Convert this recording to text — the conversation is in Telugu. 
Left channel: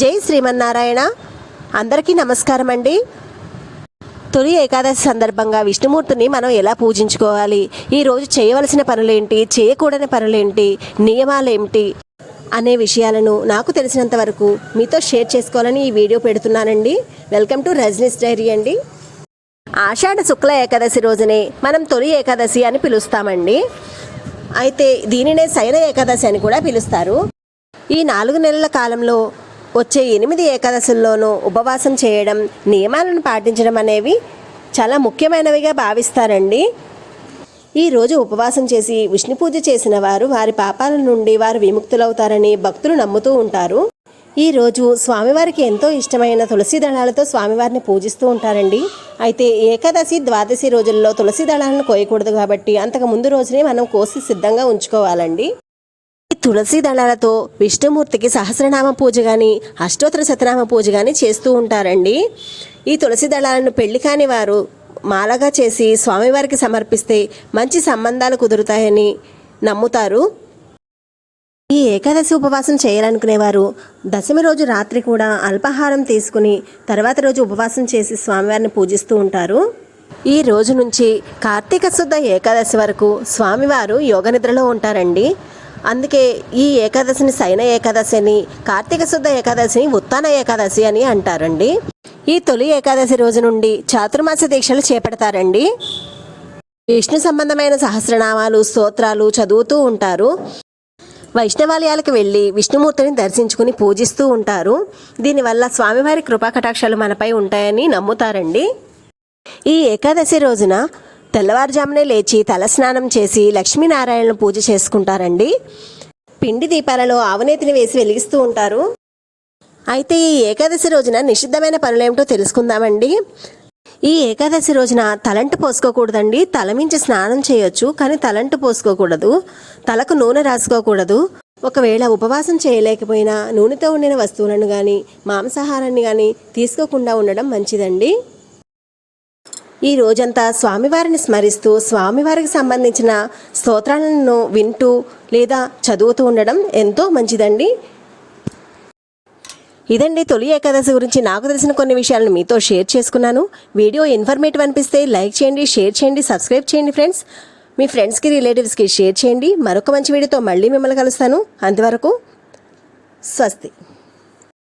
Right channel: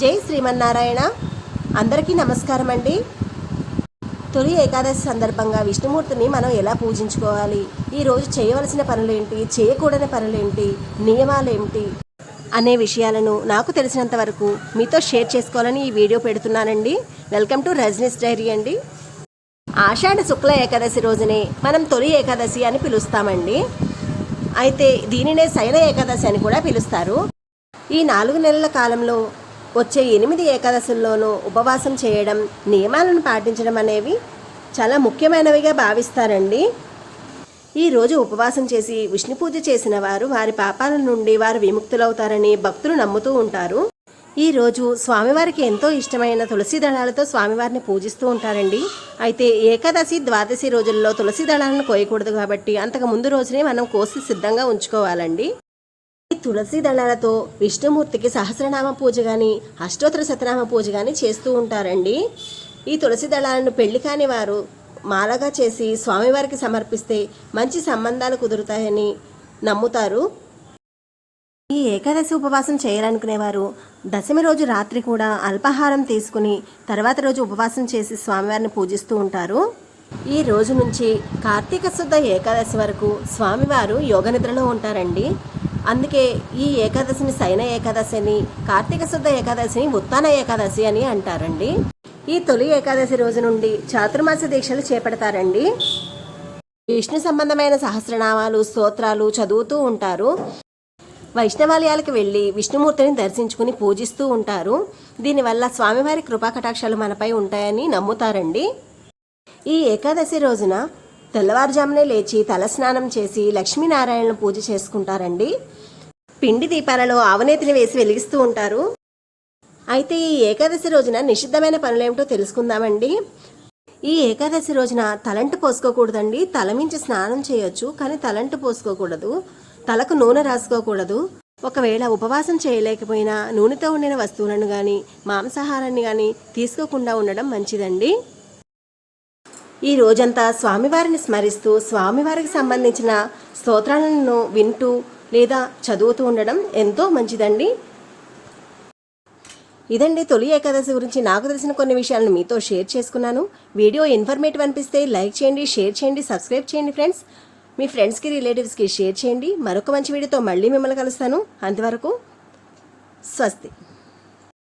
జై శ్రీమన్నారాయణ. అందరికీ నమస్కారం అండి. తొలి ఏకాదశి సందర్భంగా విష్ణుమూర్తిని మనం ఎలా పూజించుకోవాలి? ఈరోజు చేయవలసిన పనులేంటి? చేయకూడని పనులేంటి? నియమాలేంటి? అనే విషయాలను నాకు తెలిసినంత వరకు మీతో షేర్ చేసుకోవాలని ఈ వీడియో పెడుతున్నానండి. వెల్కమ్ టు రజనీస్ డైరీ అండి. ఆషాఢ శుక్ల ఏకాదశి రోజునే మనం తొలి ఏకాదశి అని పిలుస్తామండి. అయితే దీనినే శయన ఏకాదశి అని కూడా పిలుస్తారు. ఈ నాలుగు నెలల కాలంలో వచ్చే ఎనిమిది ఏకాదశుల్లోనూ ఉపవాసం చేయడం నియమాలను పాటించడం అనేవి చాలా ముఖ్యమైనవిగా భావిస్తారండి. ఈ రోజు ఉపవాసం చేసి విష్ణు పూజ చేసిన వారు వారి పాపాల నుండి వారు విముక్తులవుతారని భక్తులు నమ్ముతూ ఉంటారు. ఈ రోజు స్వామివారికి ఎంతో ఇష్టమైన తులసి దళాలతో స్వామివారిని పూజిస్తూ ఉంటారండి. అయితే ఏకాదశి ద్వాదశి రోజుల్లో తులసి దళాలను కోయకూడదు కాబట్టి అంతకు ముందు రోజునే మనం కోసి సిద్ధంగా ఉంచుకోవాలండి. తులసి దళాలతో విష్ణుమూర్తికి సహస్రనామ పూజ కానీ అష్టోత్తర శతనామ పూజ కానీ చేస్తూ ఉంటారండి. ఈ తులసి దళాలను పెళ్ళి కాని వారు మాలగా చేసి స్వామివారికి సమర్పిస్తే మంచి సంబంధాలు కుదురుతాయని నమ్ముతారు. ఈ ఏకాదశి ఉపవాసం చేయాలనుకునేవారు దశమి రోజు రాత్రి కూడా అల్పాహారం తీసుకుని తర్వాత రోజు ఉపవాసం చేసి స్వామివారిని పూజిస్తూ ఉంటారు. ఈ రోజు నుంచి కార్తీక శుద్ధ ఏకాదశి వరకు స్వామివారు యోగ నిద్రలో ఉంటారండి. అందుకే ఈ ఏకాదశిని శయన ఏకాదశి అని కార్తీక శుద్ధ ఏకాదశిని ఉత్తాన ఏకాదశి అని అంటారండి. ఈ తొలి ఏకాదశి రోజు నుండి చాతుర్మాస దీక్షలు చేపడతారండి. విష్ణు సంబంధమైన సహస్రనామాలు స్తోత్రాలు చదువుతూ ఉంటారు. వైష్ణవాలయాలకు వెళ్ళి విష్ణుమూర్తిని దర్శించుకుని పూజిస్తూ ఉంటారు. దీనివల్ల స్వామివారి కృపా కటాక్షాలు మనపై ఉంటాయని నమ్ముతారండి. ఈ ఏకాదశి రోజున తెల్లవారుజామునే లేచి తలస్నానం చేసి లక్ష్మీనారాయణను పూజ చేసుకుంటారండి. పిండి దీపాలలో ఆవనేతిని వేసి వెలిగిస్తూ ఉంటారు. అయితే ఈ ఏకాదశి రోజున నిషిద్ధమైన పనులేమిటో తెలుసుకుందామండి. ఈ ఏకాదశి రోజున తలంటు పోసుకోకూడదండి. తలమించి స్నానం చేయొచ్చు కానీ తలంటు పోసుకోకూడదు. తలకు నూనె రాసుకోకూడదు. ఒకవేళ ఉపవాసం చేయలేకపోయినా నూనెతో ఉండిన వస్తువులను కానీ మాంసాహారాన్ని కానీ తీసుకోకుండా ఉండడం మంచిదండి. ఈ రోజంతా స్వామివారిని స్మరిస్తూ స్వామివారికి సంబంధించిన స్తోత్రాలను వింటూ లేదా చదువుతూ ఉండడం ఎంతో మంచిదండి. ఇదండి తొలి ఏకాదశి గురించి నాకు తెలిసిన కొన్ని విషయాలను మీతో షేర్ చేసుకున్నాను. వీడియో ఇన్ఫర్మేటివ్ అనిపిస్తే లైక్ చేయండి షేర్ చేయండి సబ్స్క్రైబ్ చేయండి ఫ్రెండ్స్. మీ ఫ్రెండ్స్కి రిలేటివ్స్కి షేర్ చేయండి. మరొక మంచి వీడియోతో మళ్ళీ మిమ్మల్ని కలుస్తాను. అంతవరకు స్వస్తి.